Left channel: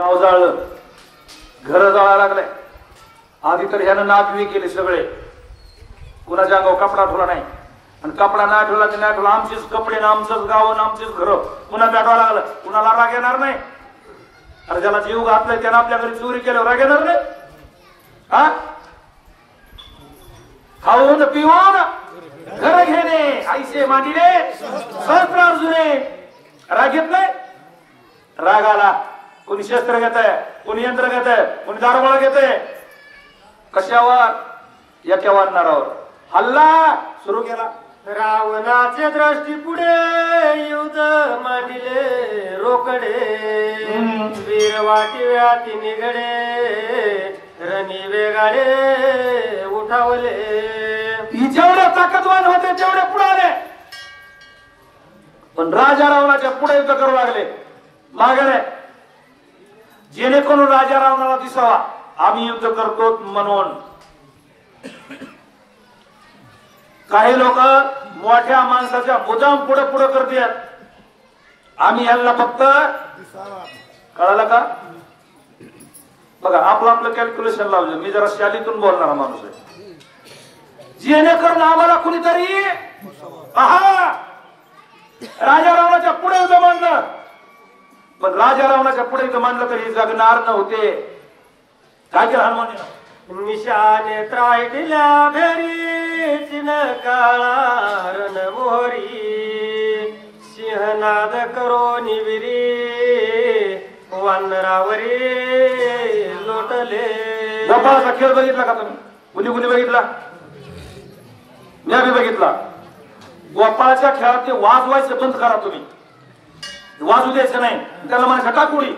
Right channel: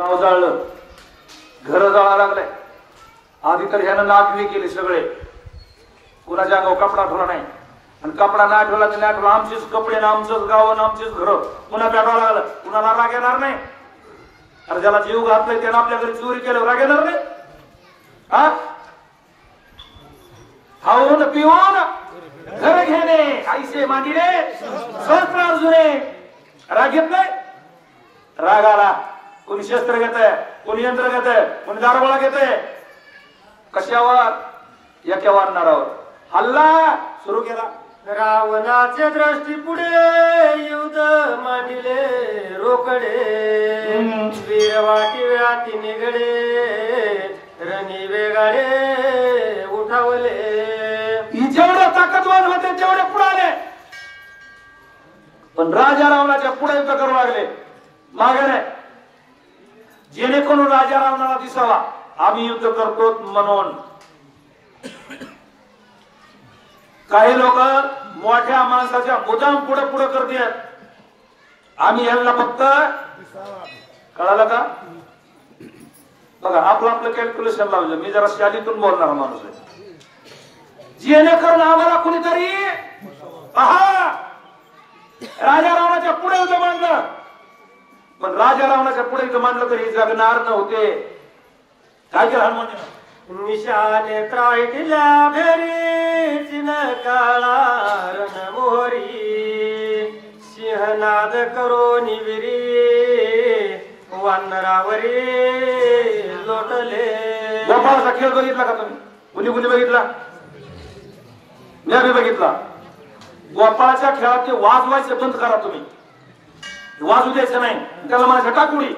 गाव जाळलं, घर जाळा लागले. आधी तर ह्यानं नागवी केली सगळे, कुणाच्या अंगावर कपडा ठेवला नाही. आणि कपडा ना ठेवला तर नाही ठेवला, आमचेच कपडे ना आमचंच गाव आणि आमचेच घर. पुन्हा पेटावं लागलं, कुणाला राग येणार नाही. अरे ज्याला जीव घातलाय त्यानं आपल्या घरी चोरी केलं, राग येणार नाही. हा खाऊन पिऊन घर घेणे, आईसे मागिले सहस्त्र जुने. राग येत नाही. राग आला, कोणी शस्त्र घेत आहे, कोणी यंत्र घेत आहे, कोणी दारूगोळा घेत आहे. कशावर? एका वानरावर हल्ला सुरू केला. रावणाचे दृष्टी पुढे युद्ध मांडिले रोकडे. वीरवाटी व्याती निगडे रणी वेगाडे उठावले. जेवढे ताकदवान होते तेवढे पुढे आले, पण राजा रावणाच्या पुढे युद्ध करू लागले. मागे नाही, जेणेकरून राजा रावणाला दिसावा आम्ही युद्ध करतो म्हणून. काही लोक मोठ्या माणसाच्या मुद्दाम पुढे पुढे करतात. आम्ही यांना फक्त कळालं का बघा, आपलं आपलं कॅल्क्युलेशन लावलं. मी जरा शालीतून बोलणारा माणूस आहे. जेणेकरून आम्हाला कुणीतरी पहा राजा रावणाच्या पुढे युद्ध मांडलं, पण राजा रावणाच्या पुढे युद्ध मांडलं तरी जगणार नव्हते. काय केलं हनुमान? निशाने टाळल्या भेरी चिन काळा रण मोहरी. सिंहनाद करो निविरी वानरावरी लोटले. गोपाळाचा खेळ बघितला का तुम्ही? कुणी कुणी बघितला? मी आम्ही बघितला. गोपाळाच्या खेळात ते वाजवायचं बंद करा तुम्ही, वाजू द्यायचं नाही. त्याला माझ्या टाकुडी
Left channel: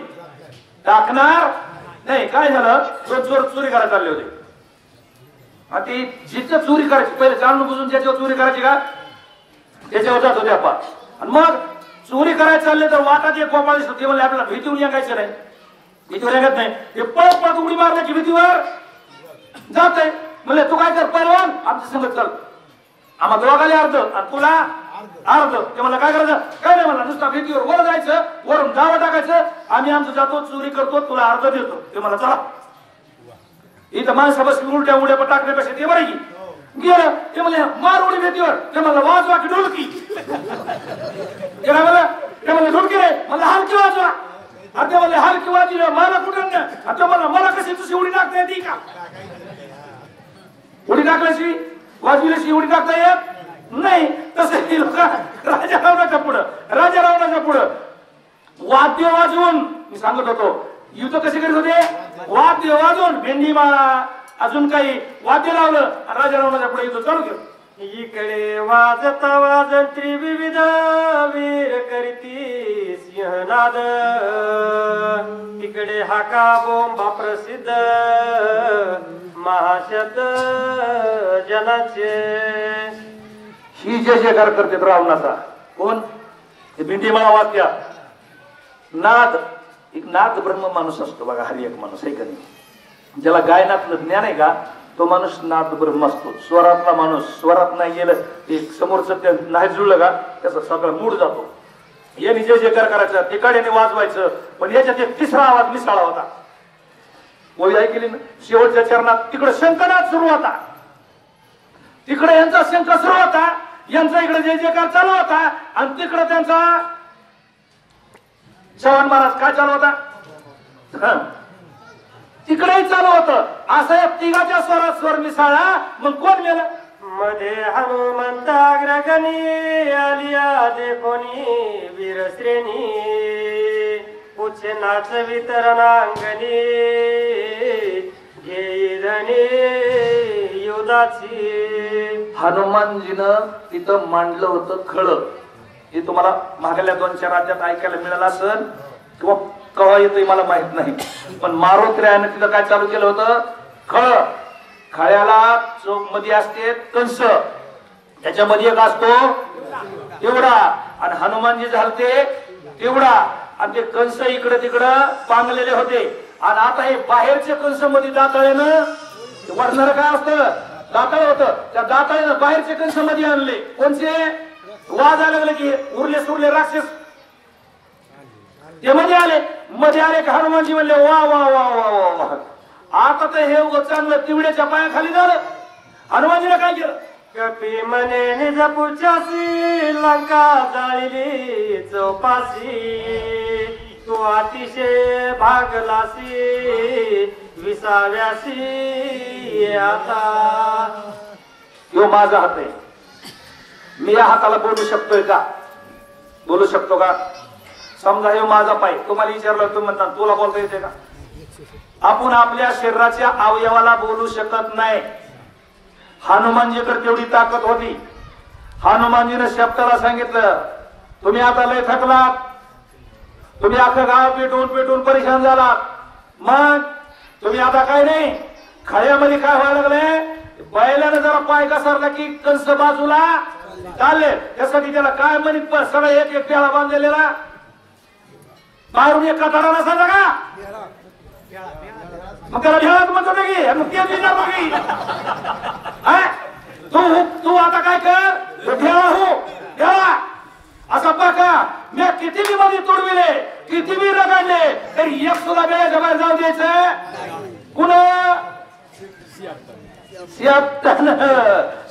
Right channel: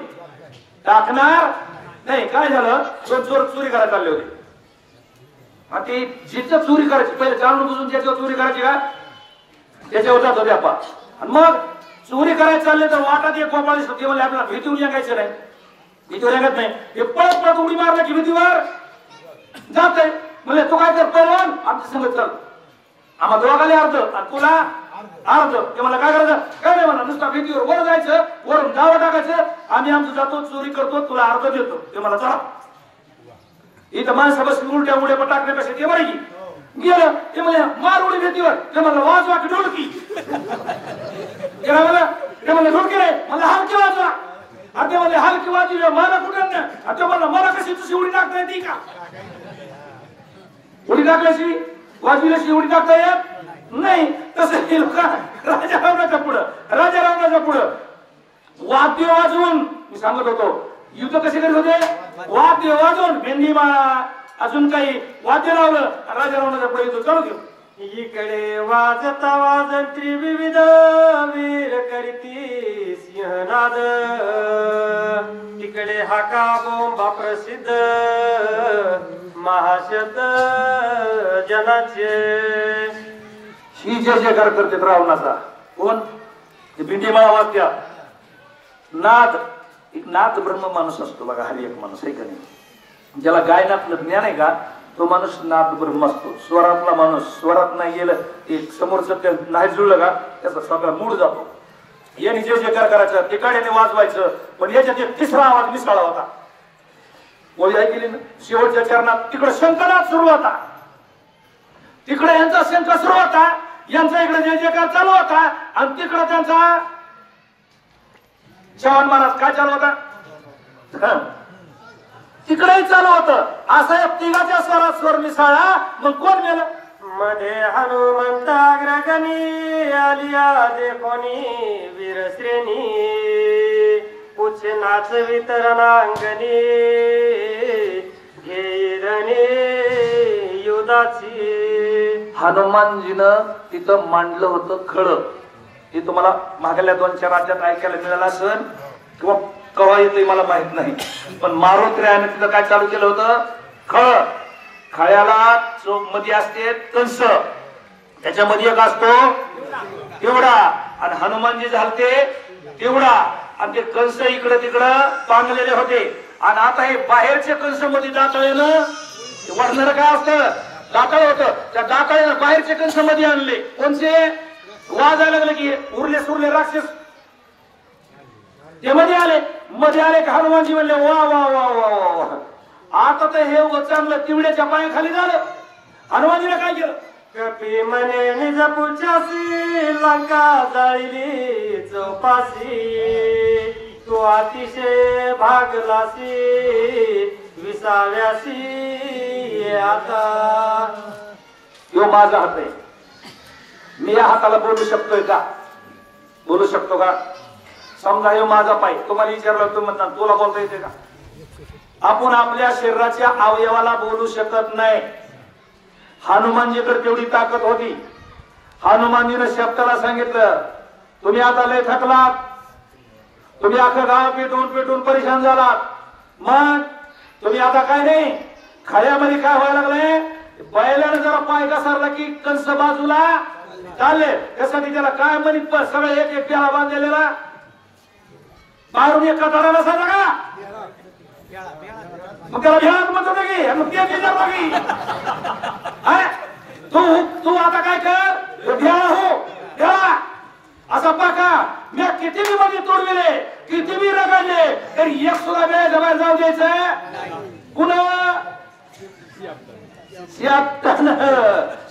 टाकणार नाही. काय झालं, चोर चोरी करायला चालले होते. ती जिथं चोरी करायची पहिले जाणून बुजून ज्याच्यावर चोरी करायची का त्याच्यावर जात होते आपण. आणि मग चोरी करायला चालले तर वाटात एक गोपाळ दिसतो. ते म्हणजे आपल्याला भीतीवर लागायचं नाही, भीतीवर लागत नाही. ते पळत पळत उडी मारण्याची भीतीवर जात आहे. म्हणजे तू काय कर, पहिलवान आमच्या संगत चल, आम्हा दोघाला अर्ध आणि तुला अर्ध. ते मला काय करायचं? काय नाही म्हणा, नुसता भीतीवर वर जायचं, वरून गावा टाकायचं. आम्ही आमचं जातो, चोरी करतो, तुला अर्ध देतो. ते मला चला इथं माणसा बसली उलट्या उड्या पण टाकण्यापेक्षा ते बरं की गेलं. ते म्हणजे मार उडी भीतीवर. ते मला वाजवा की ढोलकी. ते मला ढोलकी रे, मला हलकी वाजवा. आता मला हलकी वाजली मला कुठं नाही. आता मला कशी तुझी उडी टाकता येते का? उडी टाकल्याशी वाजविल्याशी उडी टाकता येत नाही. तसे लोक राजा रावणाच्या पुढं वाद्य वाजवून, मी सांगत होतो युद्ध कसे करत होते. वाद्य वाजवून भेंडीमाळा अजून काही वाद्य लावलं, राजा रावणाच्या पुढे युद्ध चालू केलं. इकडे वाजता वाजंत्री विविध वीर करीती सिंहनाद. तिकडे हाका बोंबा प्रसिद्ध महाशब्द जनाचे. ही जय जयकार करते रावणाचा. कोण? भेंडीमाळा वाद्य. नाद, एक नाद ब्रह्म माणूस असतो बघा. हरी एक माणूस आहे का नाही, ज्याला गायनातलं ज्ञान आहे का तो माणूस नाद ब्रह्म असतो. स्वरातला माणूस, स्वरात नाही गेलं एक समोरचं ते नाही जुळलं का त्याचा सगळा मूड जातो. याने जय जयकार करायचा, तिकडे वाजवायचं, पण याच्यात एक तिसरा आवाज मिसळला होता. ओळी ऐकली ना शेवटच्या चरणात? तिकडे शंखनाद सुरू होता, तिकडे यांचा शंख सुरू होता, यांचा इकडे जय जयकार चालू होता. आणि तिकडे त्यांचा चव्हाण महाराज काय चालू होता, तिकडेही चालू होतं. असं या तिघाच्या स्वरात स्वर मिसळला. मग कोण गेलं? मध्ये हनुमंताग्रगणी आलिया देखोनी वीरश्रेणी. पुछे नाच वितरणांगणी घेईरणी युधाची. हनुमानजीनं तिथं मांडलं होतं खळं. हे तुम्हाला मागल्या 2-4 राज्यात ऐकायला मिळालं असेल किंवा कवा येतोय मला माहित नाही, पण मारुत्र्याने तिथं काय चालू केलं होतं? खळ. खळ्याला चोक मध्ये असते कंस, त्याच्यामध्ये एक असतो तेवढा, आणि हनुमानजी झालते तेवढा. आणि ते कंस इकडे तिकडं पांगलेले होते. आणि आता हे बाहेरच्या कंस मध्ये दाताळेनं वरणार काय असतं? दाताळ होतं. त्या दाताळेनं बाहेरच्या कंस मध्ये आणले. कोणते? वाजायला लागले की उरले सुरले राक्षस ते मध्ये आले का हनुमानजी म्हणले वा वा वा वा वा वा. आता तर हे चांगलं तिवड्याच्या पायाखाली झालं. हनुमानजीने काय केलं? कपी म्हणे निजपुच्यासी लंका जाईली चौपासी तू अतिशय भागलासी विसाव्यासी आता. यो माझा हात आहे. मी या हाताला बोलू शकतोय का? बोलू शकतो का? समजा हे माझा पाय. तुम्हाला विचारलं तुम्ही म्हणता तुला बोलता येते का? आपण आपल्या शरीराच्या अवयवाला बोलू शकत नाही. हनुमानजीकडे तेवढी ताकद होती. हनुमानजीने शब्दाला सांगितलं तुम्ही आता लय थकलात, तुम्ही अख्खं गाव पेटून पेटून परेशान झालात, मग तुम्ही आता काय नाही खायामध्ये काय व्हायला लागले? बैलाने जरा पाय घसरला की कंस बाजूला चालले. त्यासाठी त्याला काय म्हणत सगळं एक एक प्याला बांधलेला बाहेरून एक कटारा नसायचा का? मग त्याला घ्यायला मग ते तू आता काय कर घ्या हो घ्या असं पाका. मी किती बी मध्ये तोडविले, किती बी रगाडले, तरी एक सुद्धा वेळ बाहेर जाऊ द्यायचं पुन्हा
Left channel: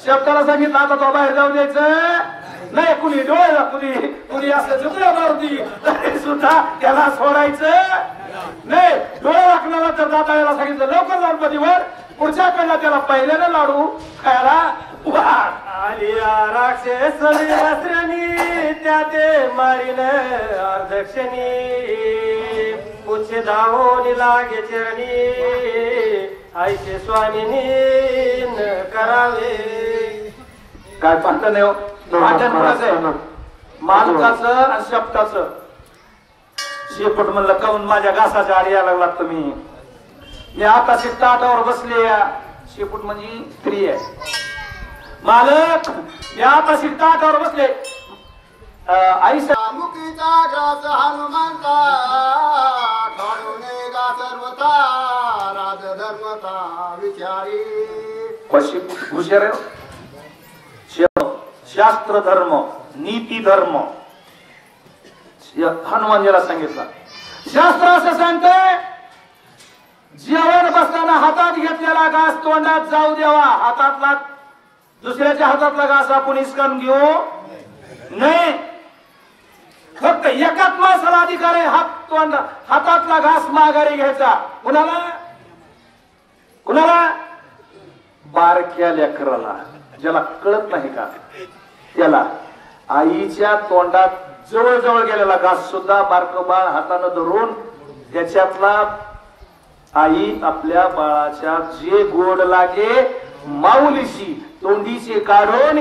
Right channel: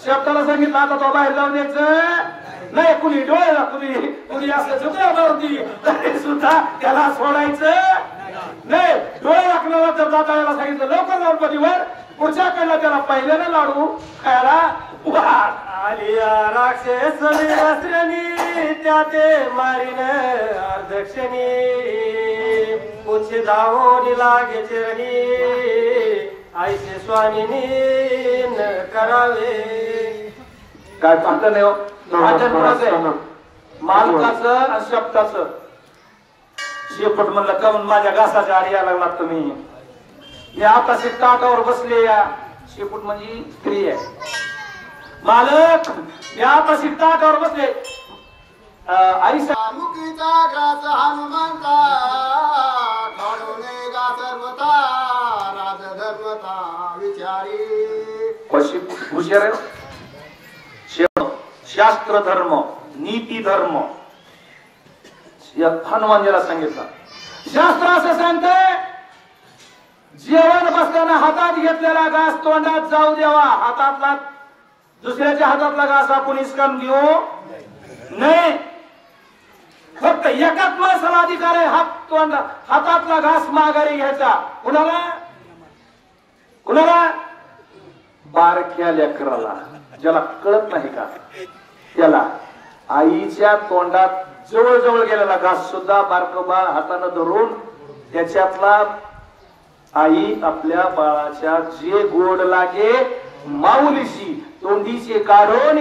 शब्दाला सांगितलं आता तो बाहेर जाऊ द्यायचं नाही. कुणी डोळ्याला कुणी असं झुकऱ्या मारती तरी सुद्धा त्याला सोडायचं नाही. डोळे राखण्याला जर जाता यायला सांगितलं लवकर गणपतीवर पुढच्या पेला त्याला पहिल्यानं लाडू खायला आलिया राक्षसोडी वस्त्रनी त्या ते मारीन अर्धक्षणी पुढचे धावून लागे चरणी ऐसे स्वामीनी करावे. काय पाहत नाही मालकाचं आणि शब्दाचं. शेपट म्हणलं काऊन माझ्या घासाच्या आडी यायला लागला तुम्ही? मी आता ताटावर बसले. शेपूट म्हणजे स्त्री आहे. मालक मी आता ताटावर बसले. आई मुखीचा ग्रास हनुमंता काढूने गा सर्वता राजधर्मता विचारी. हुशार शास्त्र धर्म नीती धर्म हनुमानजीला सांगितलं. शास्त्र असं सांगतंय जेवण बसताना हातात घेतलेला घास तोंडात जाऊ द्यावा. हातातला दुसऱ्याच्या हातातला घास आपण हिसकावून घेऊ नाही. फक्त एकाच माणसाला अधिकार आहे हातातला घास माघारी घ्यायचा. कुणाला? कुणाला? बारक्या लेकराला ज्याला कळत नाही का त्याला. आईच्या तोंडात जवळ गेलेला घास सुद्धा बारकोबा हाताने धरून त्याच्यातला आई आपल्या बाळाच्या जे गोड लागे माऊलीशी तोंडीचे काढून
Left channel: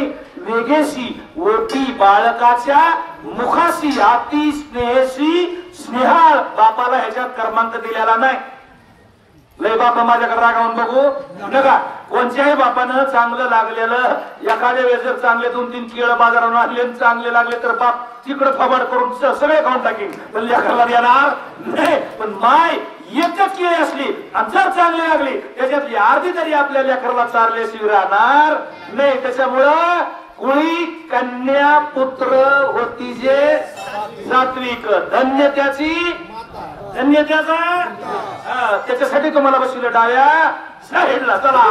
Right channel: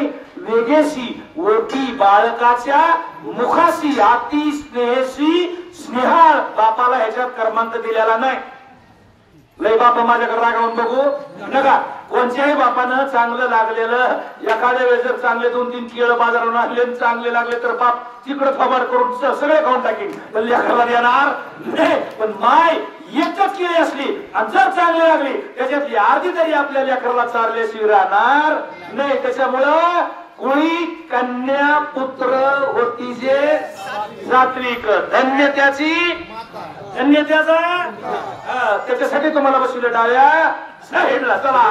वेगेशी ओटी बाळकाच्या मुखाशी अति स्नेहशी स्नेहाळ. बापाला ह्याच्यात क्रमांक दिलेला नाही. लय बापा माझ्याकडे रागावून बघू नका. कोणत्याही बापानं चांगलं लागलेलं एखाद्या वेळेस जर चांगले 2-3 केळं बाजारात आणले चांगले लागले तर बाप तिकडे फबाड करून सगळे खाऊन टाकीन. तर लेकराला देणार नाही. पण माय एकच केळी असली आणि जर चांगली लागली त्याच्यातली अर्धी तरी आपल्या लेकराला चारल्याशिवाय राहणार नाही. त्याच्यामुळं कुळी कन्या पुत्र होती जे सात्विक धन्य त्याची धन्य त्याचा. त्याच्यासाठी तुम्हाला बसवलं डाव्या साईडला. चला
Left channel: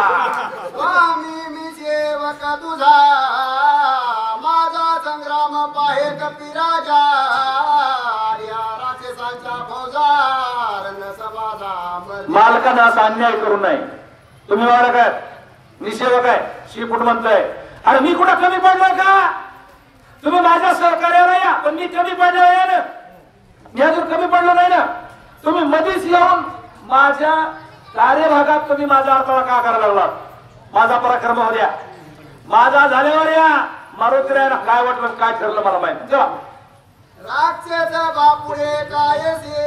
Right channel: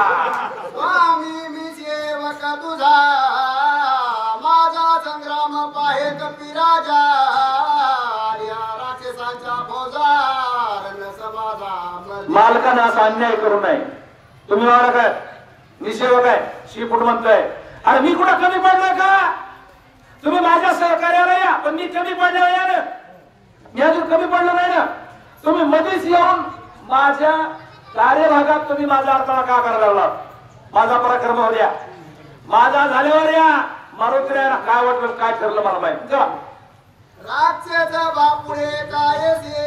स्वामी मी सेवक तुझा माझा संग्राम पाहे कपिराजा राक्षसांचा फौजार समाजा. मालकांना असा अन्याय करू नये. तुम्ही मालक आहे, मी सेवक आहे. शेपूट म्हणताय अरे मी कुठं कमी पडलोय का? तुम्ही माझ्या सहकार्याला या पण मी कमी पडलो या ना. मी अजून कमी पडलो नाही ना. तुम्ही मध्येच येऊन माझ्या कार्यभागात तुम्ही माझा अडथळा का करायला लागला? माझा पराक्रम हो द्या. माझा झाल्यावर या मारुतीला काय वाटलं काय ठरलं मला माहिती. राक्षस बापुळे कायसे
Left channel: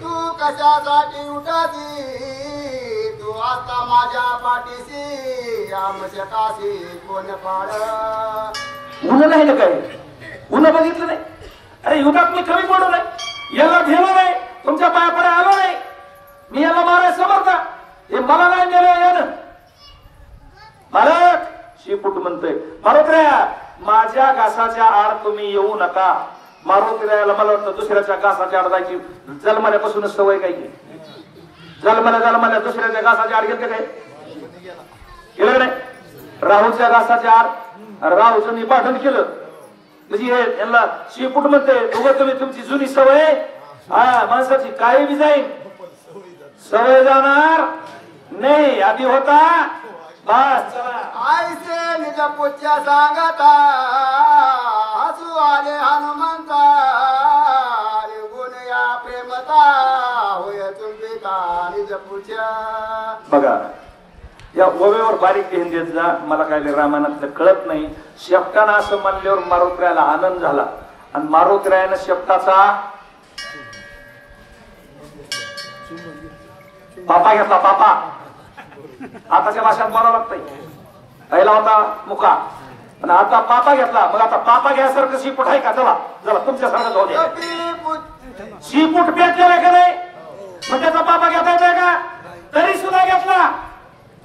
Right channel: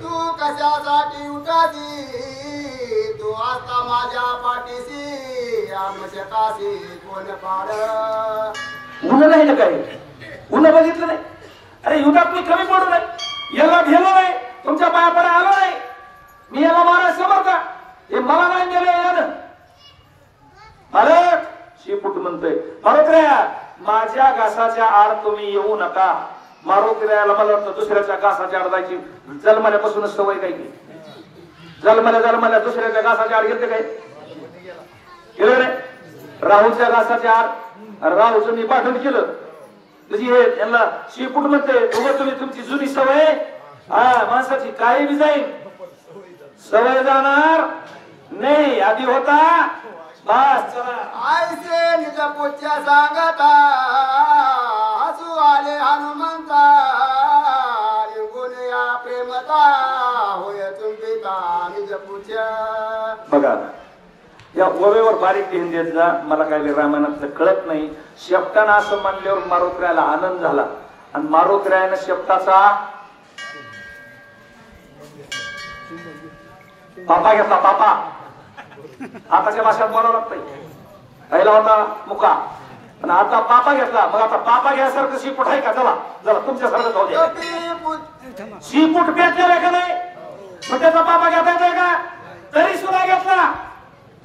तू कशासाठी उठासी तू आता माझ्या पाठीशी आमच्याकाशी कोण पाड. उन्हा नाही ना काय उन्हा बघितलं नाही. अरे युगात मी कमी पडू नये याला घेणं नाही तुमच्या पायाकडे आलो नाही. मी याला मारायला समर्थ हे मला नाही मिळेल यानं. भारत शेपूट म्हणतोय भारत रे माझ्या घासाच्या आड तुम्ही येऊ नका. मारुतीला मला वाटतं दुसऱ्याच्या घासाच्या आड जायची जन्मल्यापासूनच सवय काय की जन्मल्या दुसऱ्याच्या घासाच्या आड गेले काय गेले नाही. राहूच्या घासाच्या आड राहूचं मी पाठण केलं तुझी हे यांना शिपूट म्हणते उगा तुम्ही तुमची जुनी सवय हा माणसाची काही बी जाईल सवय जाणार नाही आधी होता बस आयसे निज पूज्य सांगता हसू आले हनुमंता गुण या प्रेमता होय चुंबिता निज पूज्य. बघा या ओव्यावर बारीक ध्यान देत जा. मला काय रामायणात कळत नाही. शेपटानं असं म्हणल्यावर मारुतीरायाला आनंद झाला आणि मारुतीरायानं शेपटाचा पापा घेतला. पापा आताच्या भाषेत बोलावं लागतंय. पहिला होता मुका आणि आता पापा घेतला. मग आता पापा घ्यासारखं शिपूट आहे का? चला चला तुमच्यासारखं जाऊ द्या. शिपूट पेटलेला का नाही मग त्याचा पापा घेता येतोय का? तरी सुद्धा घेतला.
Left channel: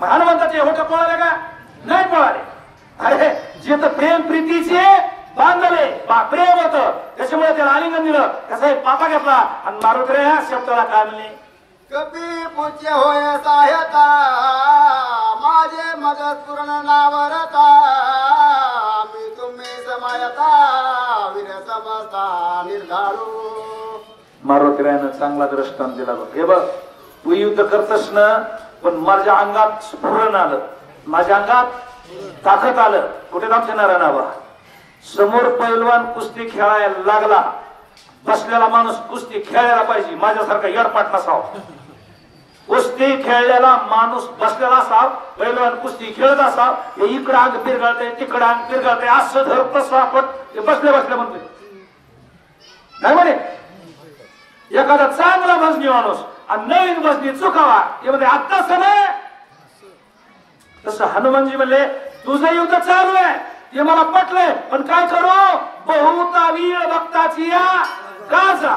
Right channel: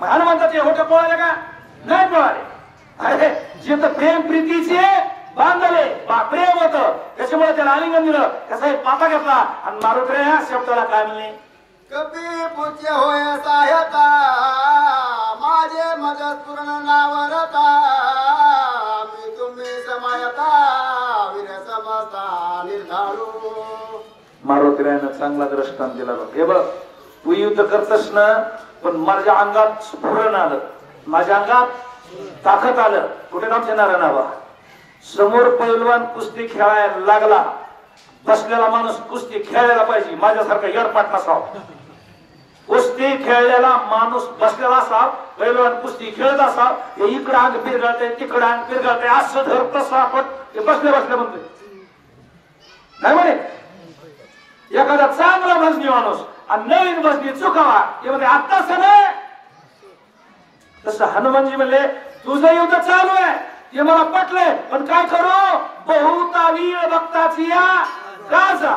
हनुमंताचे होठ पळाले का? नाही पळाले. अरे जिथं प्रेम प्रीतीचे बांधले प्रेम होत त्याच्यामुळे त्याला आलिंगन दिलं. कसं पापा घेतला आणि मारुतीराया शब्दाला काढले. कपी पूज्य होय साह्यता माझे मदत पूर्ण नावरता मी तुम्ही समायता वीर समजता निर्धारू. मारुतीरायानं चांगला दृष्टांत दिला. हे बघ तू युद्ध करतस ना पण माझ्या अंगात स्फुरण आलं माझ्या अंगात ताकद आलं. कुठे आमच्या नारायणाबा समोर पैलवान कुस्ती खेळायला लागला. बसलेला माणूस कुस्ती खेळायला पाहिजे. माझ्यासारखा येडपाट नसावा. कुस्ती खेळलेला माणूस बसलेला असाव. पैलवान कुस्ती खेळत असाव. हे इकडं अंग फिरगाळते तिकडं अंग फिरगाळते असं धरत असं आपण ते बसल्या म्हणते नाही म्हणे. एखादा चांगला भजनी माणूस आणि नवीन भजनी चुकावा ते म्हणजे आत्ताच नाही. तसं हनुमानजी म्हणले तुझं युद्ध चालू आहे ते मला पटलंय पण काय करू बहुता वीर भक्ताची या राजा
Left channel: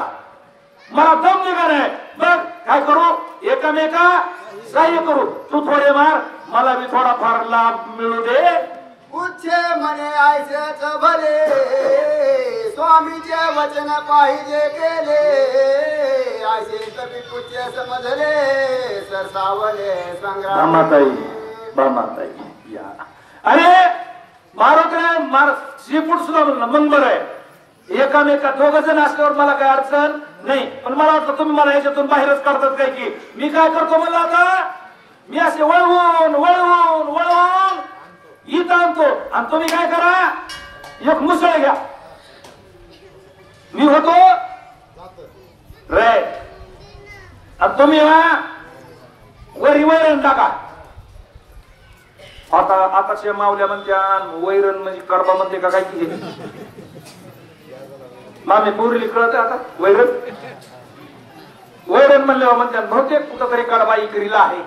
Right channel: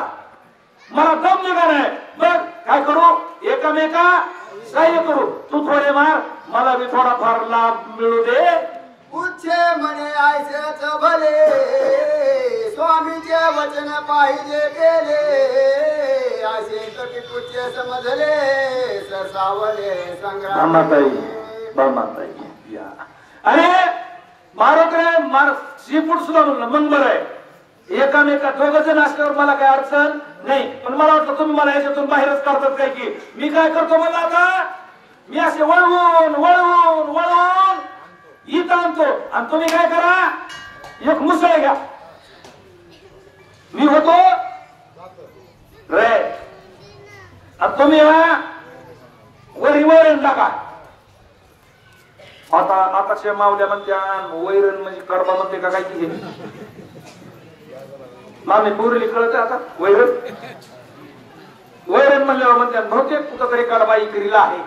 मला दम निघालाय. मग काय करू एकमेका सहाय्य करू. तू थोडे मार मला बी थोडाफार लाभ मिळू दे. पूज्य म्हणे आयसेच भले स्वामीचे वचन पाहिजे केले आयसे कपी पूज्य समजले ससावले संग्राम. बामाताई या अरे मारुतीराया शिपूट सुद्धा म्हणलं मग बरं आहे. एकामेका दोघ जण असल्यावर मला काय अडचण नाही. पण मला वाटतं तुम्ही मला याच्यातून बाहेरच काढतात काय की मी काय करतो मला आता मी असे वळवून वळवून वळवून इथं आणतो आणि तुम्ही काय करा एक मुसळ घ्या. मी होतो रे आणि तुम्ही वरी वैरण टाका. आताच्या मावल्या म्हणत्या वैरण म्हणजे कडबा म्हणते का काय की मामी पुरली कळत आता वैरण वैरण म्हणल्यावर म्हणतात बहुतेक कुठं तरी कडबा इकरीला आहे.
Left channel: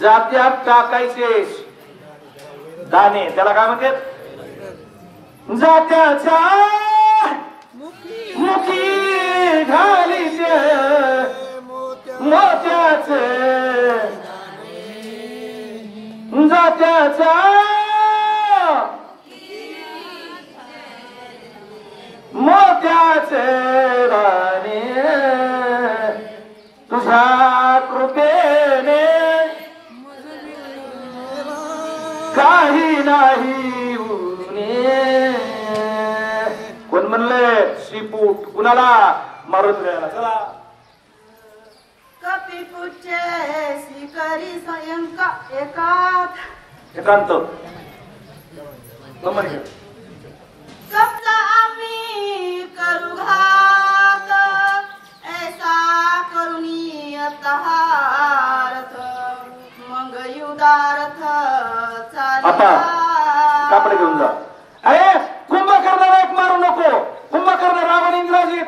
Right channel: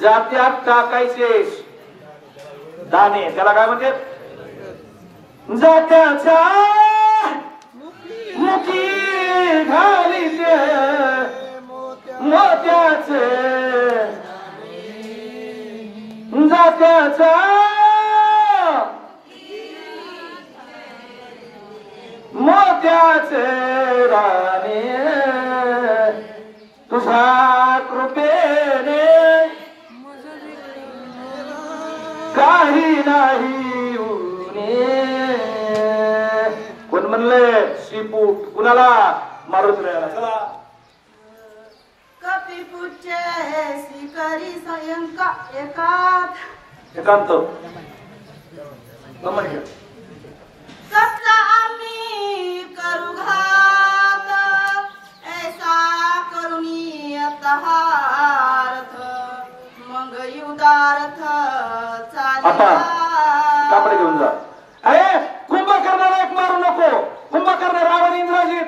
जात्यात टाकायचे दाणे त्याला काय म्हणतात जात्याच्या मुठी घालीचे मोत्याचे जात्याच्या मोत्याचे दाणे तुझ्या कृपेने काही नाही उणे. कोण म्हणले शिपूट कुणाला मारुतीरायाला. चला कपी पूज्य श्रीकरी स्वयंका एकांत सप्ता आम्ही करू घात ऐसा करुणी अतहारथ मग युदारथ आता कापड घेऊन जा. अरे कुंभकर्णाला एक मारू नको. कुंभकर्ण रावण इंद्राजी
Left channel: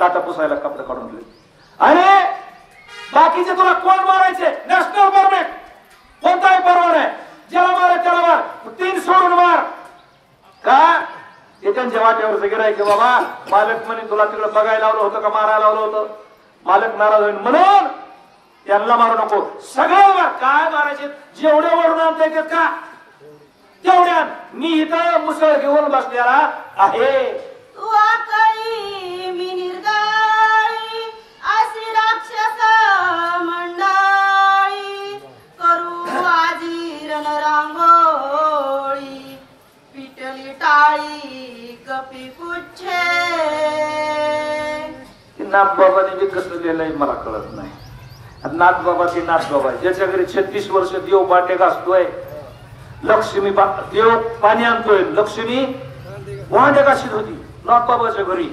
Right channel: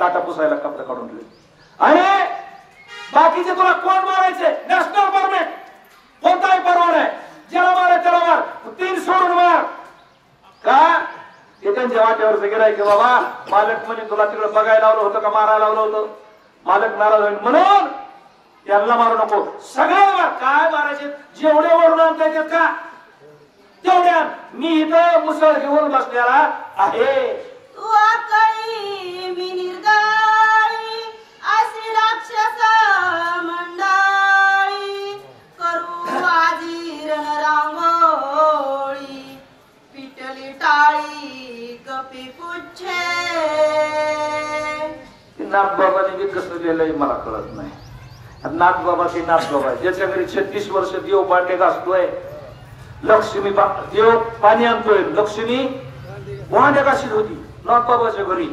ताटा पुसायला कपडे काढून दिले. अरे बाकीचे तुला कोण मारायचे नॅशनल परमिट कोणताही परवाना आहे. ज्याला माराय त्याला मार. 3 सोडून मार का ते त्यांच्या वाट्यावर गिरायचे. बाबा मालक म्हणे तुला तिकडे बघायला लावलं होतं का मारायला लावलं होतं. मालक नाराज होईल म्हणून त्यांना मारू नको. सगळं काय मारायचे जेवढे वरून आणता का तेवढ्या. मी इथं मुसळ घेऊन बसलेला आहे. नाथबाबांनी बी कसं दिलंय मला कळत नाही. नाथबाबा ते नाथबाबा ज्याच्या घरी 36 वर्ष देव भांडे घासतोय, लक्ष्मी देव पाणी आणतोय, लक्ष्मी भांडे घाशीत होती नाथबाबाच्या घरी.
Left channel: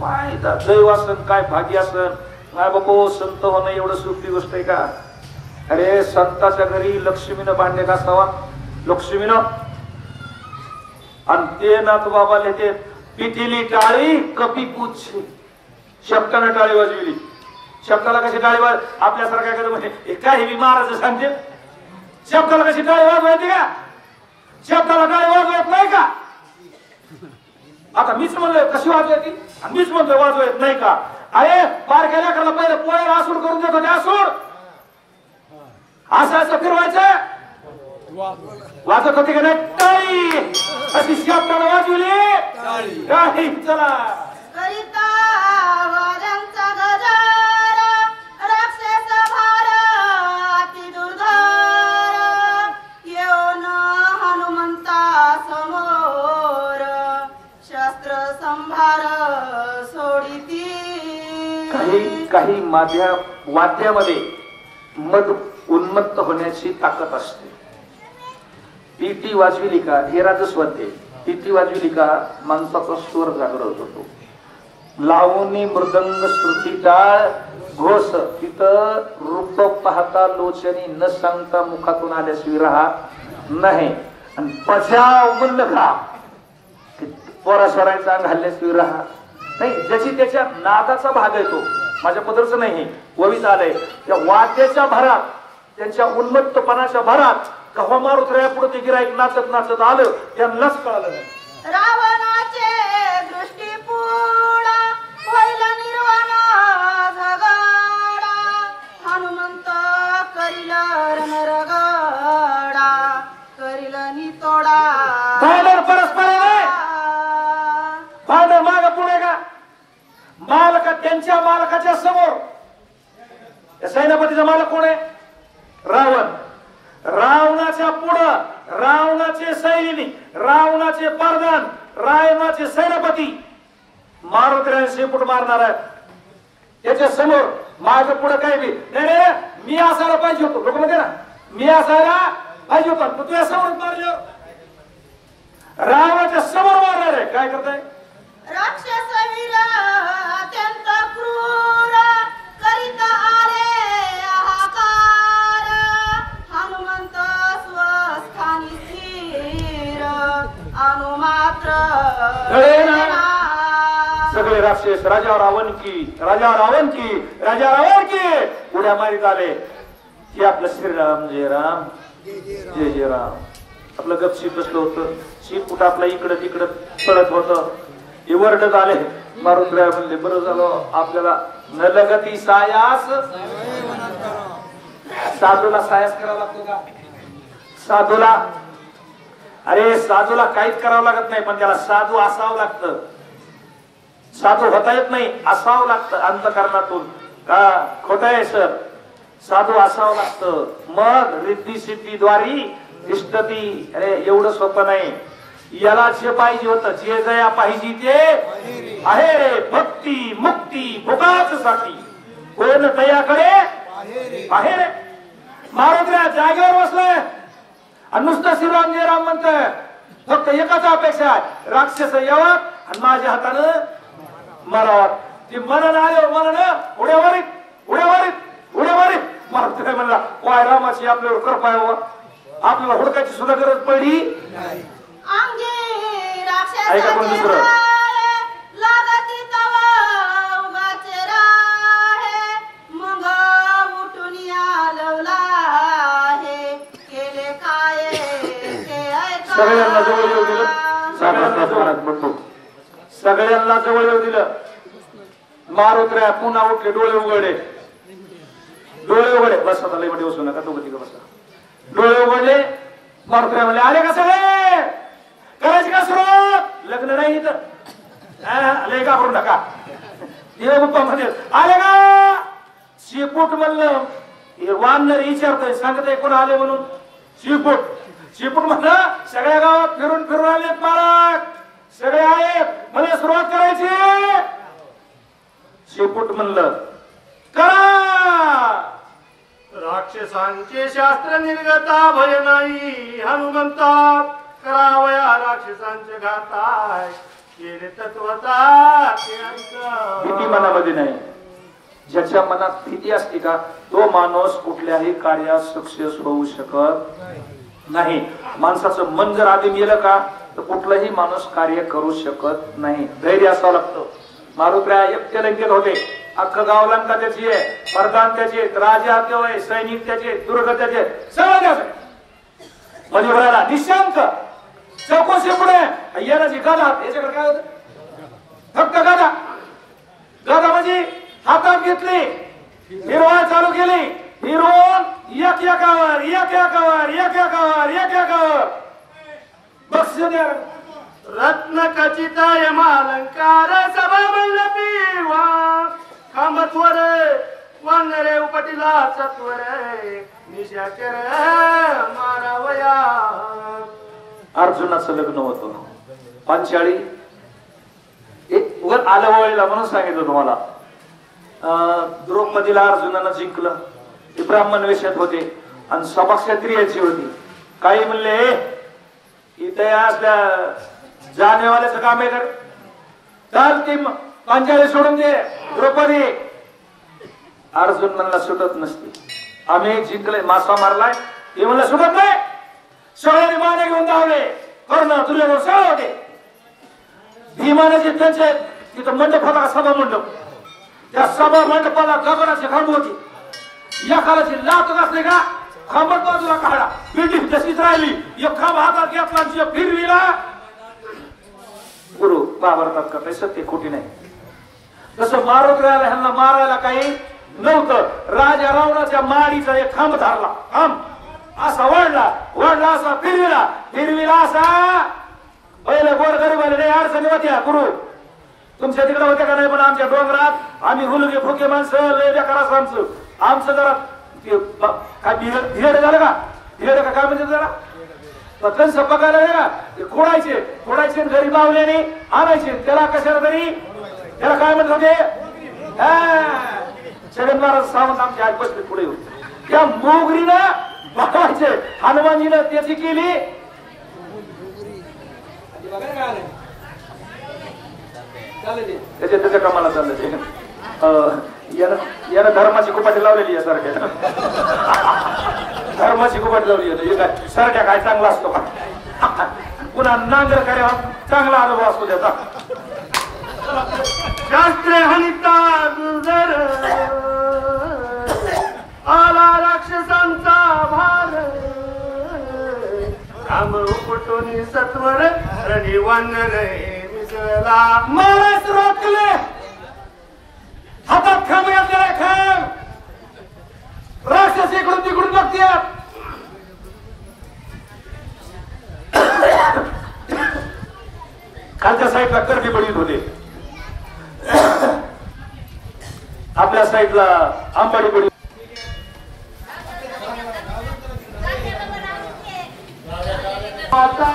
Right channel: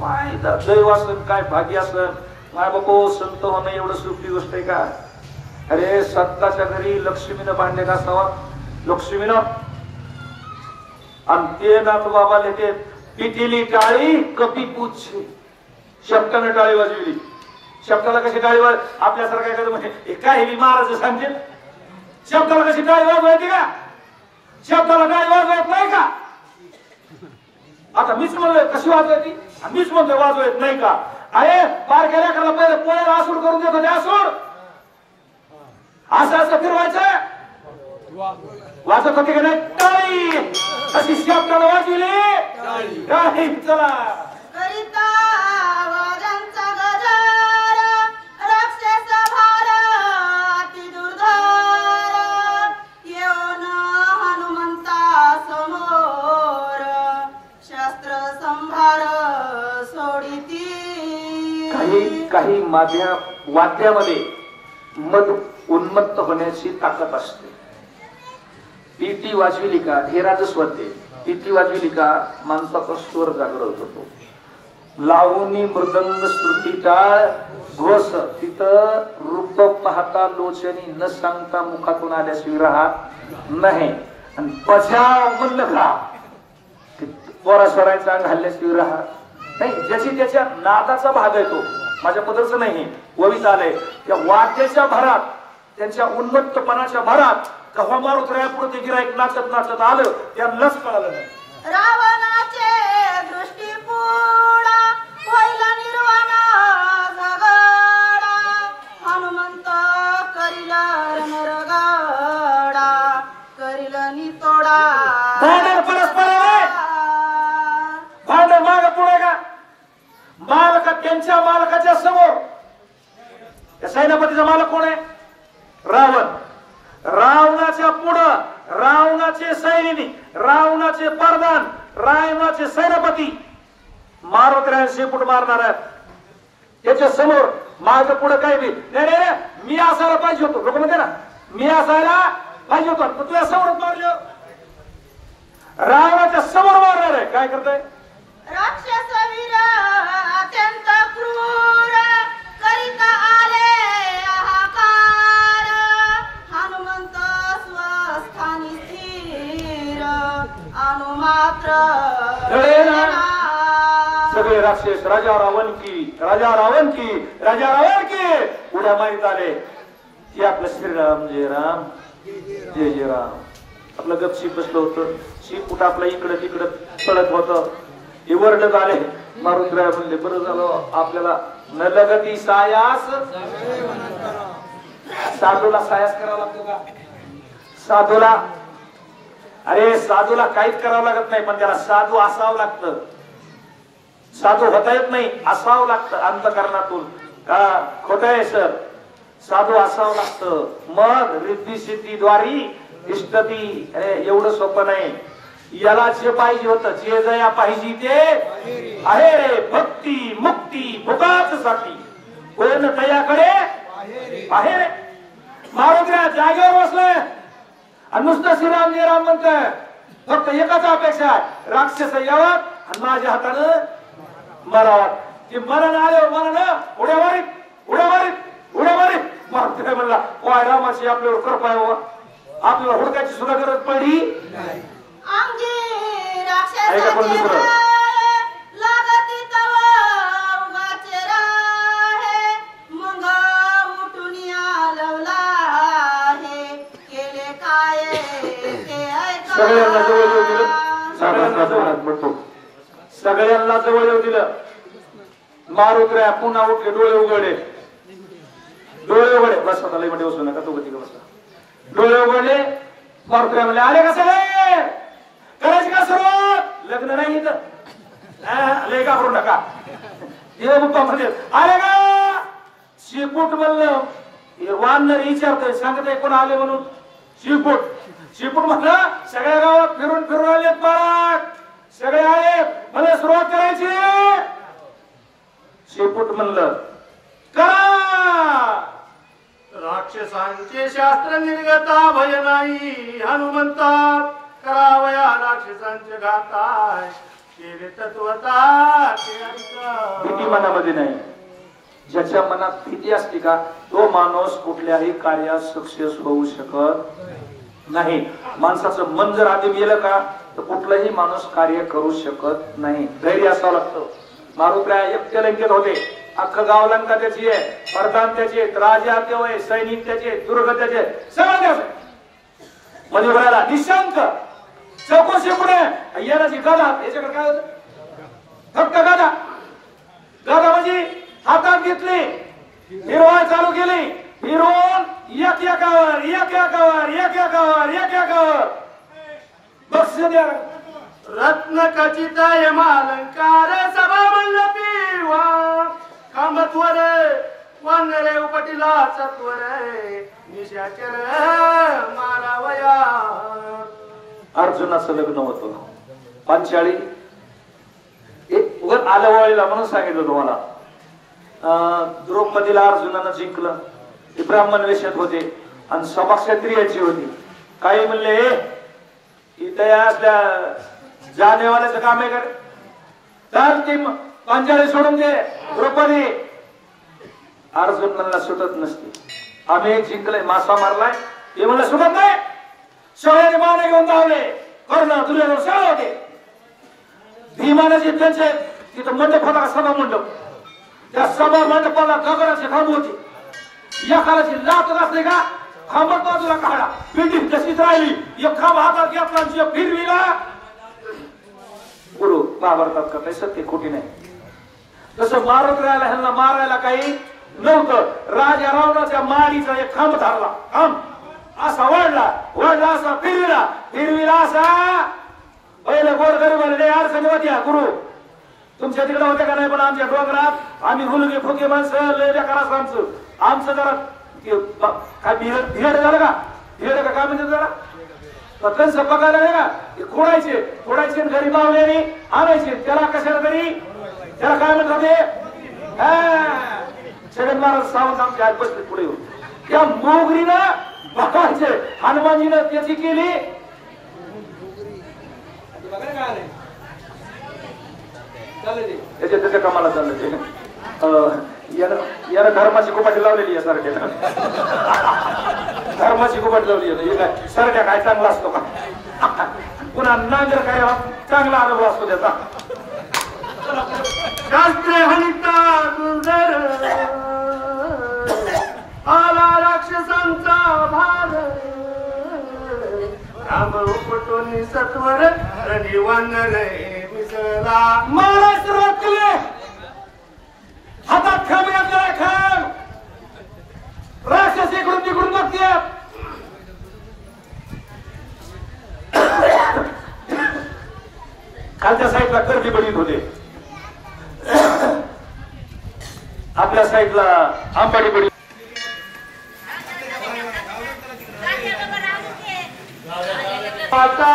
काय दैव असन, काय भाग्य असन. काय बाबो संत होणं एवढं सोपी गोष्ट आहे का? अरे संताच्या घरी लक्ष्मीनं भांडे घासावा, लक्ष्मीनं. आणि ते नाथबाबा लिहिते पिटिली टाळी कपी पुच्छे. शक्कानं टाळी वाजविली. शक्काला कशी टाळी वाज आपल्यासारख्या म्हणजे काय हे महाराज सांगते. शक्काला कशी टाळी वाजवायची का? शक्काला टाळी वाजवायच नाही का? आता मीच म्हणलोय कशी वाजवायची, मीच म्हणतोय वाजवायच नाही का? अरे बारक्या लेकराला पहिले पोळ्याला आसूड करून देत होते. आसूड असं असं फिरवायचं. वाजत होती का नाही टाळी? अशी शब्दाला वाजवली टाळी. चला करिता वाद्यांचा गजर, राक्षस भार अति दुर्धर, येऊन हनुमंता समोर, शस्त्र संभार सोडिती. काही वाद्यामध्ये मद उन्मत्त होण्याची ताकद असते. पिटी वाजविली का हे राजस्वाद्य. पिटी वाजविली का माणसाचा स्वर जागृत होतो. लावणी मृदंग श्रुती टाळ घोष. तिथं रूप पाहता लोचनी न सांगता मुखातून आल्याशिवाय राहत नाही. आणि पजाव म्हणलं का पोरा स्वरायचा अंग हल्ल्याशिवाय राहत नाही. ज्याची त्याच्या नादाचा भाग आहे तो. माझ्या पदरचं नाही ववीत आलंय त्या वाद्याच्या भरात, त्यांच्या उन्मत्तपणाच्या भरात कव्हा मारू पुढे गिराईक नाचत नाचत आलं. त्यांनाच कळालं नाही. रावणाचे दृष्टीपुडा होईल निर्वाणा झगडा, हनुमंत करील रणरगडा, करील नितोडा. भांडण परस्पर आहे. भांडण माग पुढे का? मालका त्यांच्या मालकाच्या समोर. सेनापतीचा मालक कोण आहे? रावण. रावणाच्या पुढं रावणाचे सैनिक, रावणाचे प्रधान, रावणाचे सेनापती मारत शेपूट मारणार आहे. त्याच्या समोर माझं पुढं काय बी नाही. मी असायला पाहिजे होतो. लोक म्हणते ना मी असायला पाहिजे होतो. तू तुझ्या समोर मारलो. रावणाच्या समोर मारणार आहे. काय करताय? राक्षस वीर अत्यंत क्रूर, करीता आले हाकार, हनुमंत स्वस्थानी स्थिर, अनुमात्र सगळे राक्षस राजा रावण की, राजा रावण की, राजा रावण की उड्या मारीत आले. हे आपलं श्रीराम जय राम जय जय राम. आपलं गपशीप बसलं होतं. शिपूट आपल्या इकडं तिकडं पळत होतं. हे वरडत आले. मारून म्हणले बरं झालं आपल्याला न लगती सायास. साधूला सायास करावा लागतो का? साधूला अरे साधूला काहीच करावं लागत नाही, पण त्याला साधू असावं लागतं. साधू होता येत नाही, असावं लागतं अंतःकरणातून. का खोट आहे सर? साधू असावं लागतं. मग रिद्धी सिद्धीद्वारी इष्टती. एवढं सोपं नाही. याला जे पाहिजे होतं, जे दया पाहिजे ते आहे. भक्ती मुक्ती भोगाच साठी कोण दयाकडे आहे. मारुद्रा जागेवर बसलाय आणि नुसतं श्रीराम जय राम म्हणतोय. फक्त एकाच अपेक्षा, राक्षस यावं आणि माझ्या हातानं मरावं. ते मरण आले मरण उड्या मारीत उड्या मारीत उड्या मारीत. मारुद्रा म्हणला वाय रामाची आपल्यावर कृपा आहे. आपल्याला हुडकायची सुद्धा गरज पडली नाही. अंगी राक्षस लागती तव उगाचे राहे, मग उठून लवला हे केले काय ते ऐका. सगळ्यांना जवळ येऊ दिलं. सगळ्यांना जवळ म्हणतो. सगळ्यांना जवळ येऊ दिलं. मारुद्रा पुन्हा उठले. डोळे उघडले. डोळे उघडे. बस आता लई मध्ये बसू नका. तो गती बसा. डोळे उघडले. मारुद्रा म्हणले आले का सगळे? करायची का सुरुवात? लग्न नाही इथं. लय का करू नका. देवबाप्पा मध्ये आले का? शिपूट म्हणलं. वानर विचारतोय सांगतोय कोण आले म्हणून. शिपूट शिपूट म्हणलं सगळ्या गावात फिरून फिरून आलेत महाराज. सगळे आहेत. मला सुरुवात करायची. शेपूट म्हणलं करा. राक्षसांचे शास्त्र निर्गता भय नाही हनुमंता करावया राक्षसांचे घाताय केले तत्वता भीती मनामध्ये नाही. ज्याच्या मनात भीती असते का तो माणूस कुठल्याही कार्यात सक्सेस होऊ शकत नाही. माणसाचं मन जर आधी गेलं का तर कुठलाही माणूस कार्य करू शकत नाही. धैर्य असावं लागतं. मारुत्र्या एकट्याला घेत होते. अख्खं गाव लंका त्याची आहे, प्रधान त्याचे, राजा ते, सैनिक त्याचे, दुर्ग त्याचे, सगळं त्याचं. म्हणजे बघायला निशांत चौकशी पुढे येण्याची गदा. याच्याकडे काय होत फक्त गदा. गदा म्हणजे हातात घेतली फिरवाय चालू केली. फिरवून एक एकावर एक एकावर एक एकावर एक एकावर बक्षीस द्या. रत्न खचित हेमालंकार सभा मंडपी वा खांबत्वर वानरे उपटिला सत्वर निशाकर मारावया. अर्जुनाचं लग्न होतं पांचाळी. एक वर आलं वळला म्हणून सांगितलं तुम्हाला. द्रौपदीला अर्जुनानं जिंकलं. ते ब्राह्मण वेशात होते आणि सभा क्षत्रियाची होती. काही म्हणले इथे असल्या जानेवाल्याचं काम आहे का तर ती पांचाळी सोडून दे. द्रौपदी अर्जुन म्हणला सुटत नसते. आम्ही जिंकले मासा मारलाय ते म्हणलं सुटत नाही. सोळ्याने माने घेऊन धावले. कर्ण दुर्योधन सगळे होते. भीमाने जे त्यांचे तिथं मंडप होता सभा मंडप. त्या सभा मंडपाला गगनाची खांब होती. या कालाची लात असते का खांबट बाजूला काढा. बिल्डिंग तशीच राहिली. एक खांब हातात घेतला फिरविला. गुरु बाबरतात का काही सत्य खोटी नाही. तसं मारुत्र्याला ह्यांना मारायला काही नव्हतं. राजा रावणाच्या मारीचा एक खांब धरला. खांब असा वळला वळला असा फिरविला फिरविला असा. पहिले गोड गरीबाला अडचणी होत्या. गुरु तुमच्या तिकडे होते का नाही पण आमच्या डोंगरात आम्ही हुलगे फुके माणसं लय बेकार असं आमचं जरा काय भिड झालं का भिड का काय म्हणजे जरा त्यांचं पगार आहे ना ते खोडायचे घरी बावल्याने आणायचे. त्याला कशाला तरी त्याला काय म्हणत होते छगन महाराज सावंत आमच्या हात बसले पुढे. त्या मोगरीनं बघायचे हनुमानजीनं त्याची केली. त्याच्या कामाला चाललं. यानं धर्माची कुपाटी लावलेली आहे सारख्या. धर्माची कुपाटी लावली आहे. सारख्या काय चांगला असतो का पुन्हा नांगर काय चांगला अनुभव असतो त्याचा. शास्त्र हनिता दुर्धर आला राक्षसांचा भाग काम उपटून सत्वर रनिवन रे मिसळला. महाराज सुरुवात केली. हातात खांब घातलेला खांब. राक्षस इकडून तिकडून बघतात. खालच्या साईडला कर्दी बडीत होते. आपल्या साईडला आंबाडी बडी.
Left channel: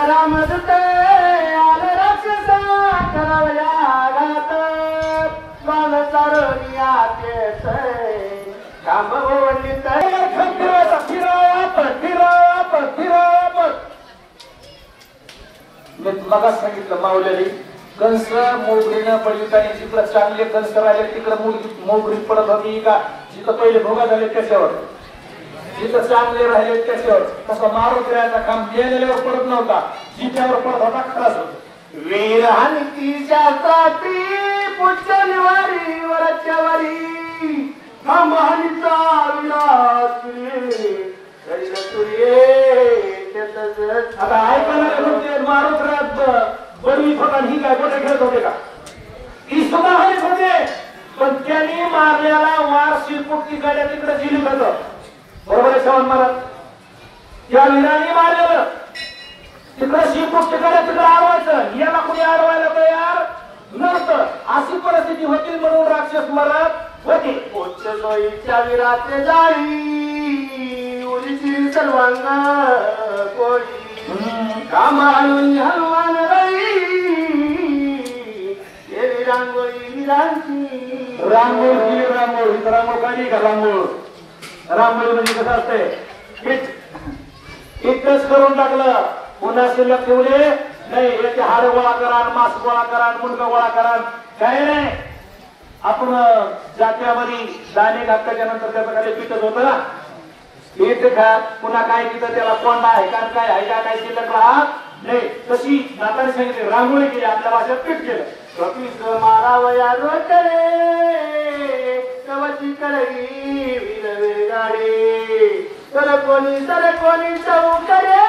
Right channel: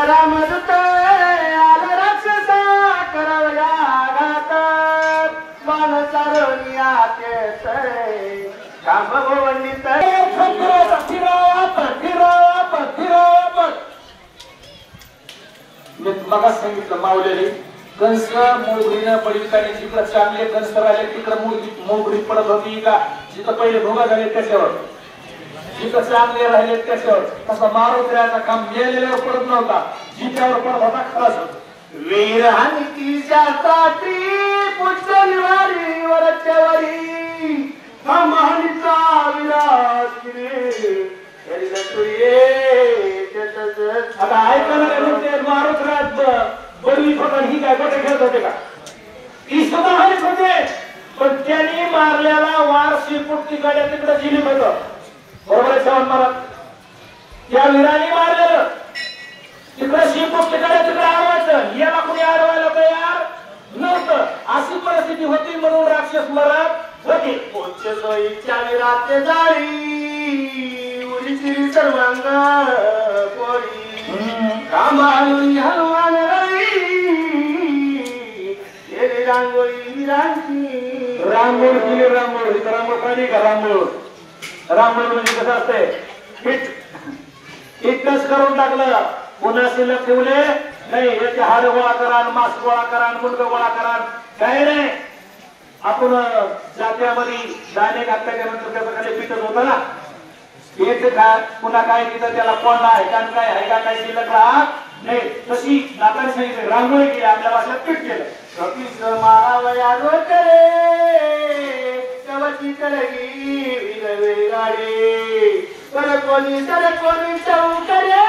रामदूत आला राक्षसा करावया घात मान चारोनिया काम वंडित मगा सांगितलं मावलेली कंस मोगरीनं पडली आणि जिकडं चांगले कंस राहिले तिकडं मोगरी पडत होती का जिथं पहिले भोगा झाले त्याच्यावर जिथं चांगले राहिले त्याच्यावर. तसा मारुत्र्याचा काम गेलेल्यावर पडत नव्हता जिथ्यावर पडत होता खलास. वीर हंतीच्या साठी पुष्य निवारी वरच्या वारी हमानीचा विराट आता ऐकायला मारुत्र्यात बडवी होता ही काय मोठे खेळत होते का ही सुद्धा हरीत होते. पण त्यांनी मारलेला वार शिरपुट्टी गाड्या तिकडे जिलीत होत. बरोबर आहे चव्हाण महाराज. त्या वीरांनी मारलेलं तिकडे शिरपुट्टी गाड्या तिकडे अडवायचं. याला कुणी अडवायला तयार नव्हतं. अशी परिस्थिती होती म्हणून राक्षस मरत होते. सोयीच्या विराते जाई उरीची सर्वांना कोणी कामानी हनुमान रांगोळी विरांची रांगोळ केली रांगोळ इथं रांगोळ काढली का रांगोळ रांगोळी म्हणजे कसं असतंय इतकंच करून टाकलं पुन्हा शिल्लक ठेवले नाही याचे हाड गोळा करा मांस गोळा करा मुंडक गोळा करा काय नाही आपण जात्यामध्ये दाणे घातल्याच्या नंतर त्याचं काय पिठच होतं ना एक खात पुन्हा काय तिथं त्याला कोंडा आहे का काय आहे का काय शिल्लक राहत नाही तशी नाताने सांगितले रांगोळी केली आपल्या भाषेत पीठ केलं कपीस मारावया रोटरे कवची करगी नवे गाडे तर कोणी चौकरे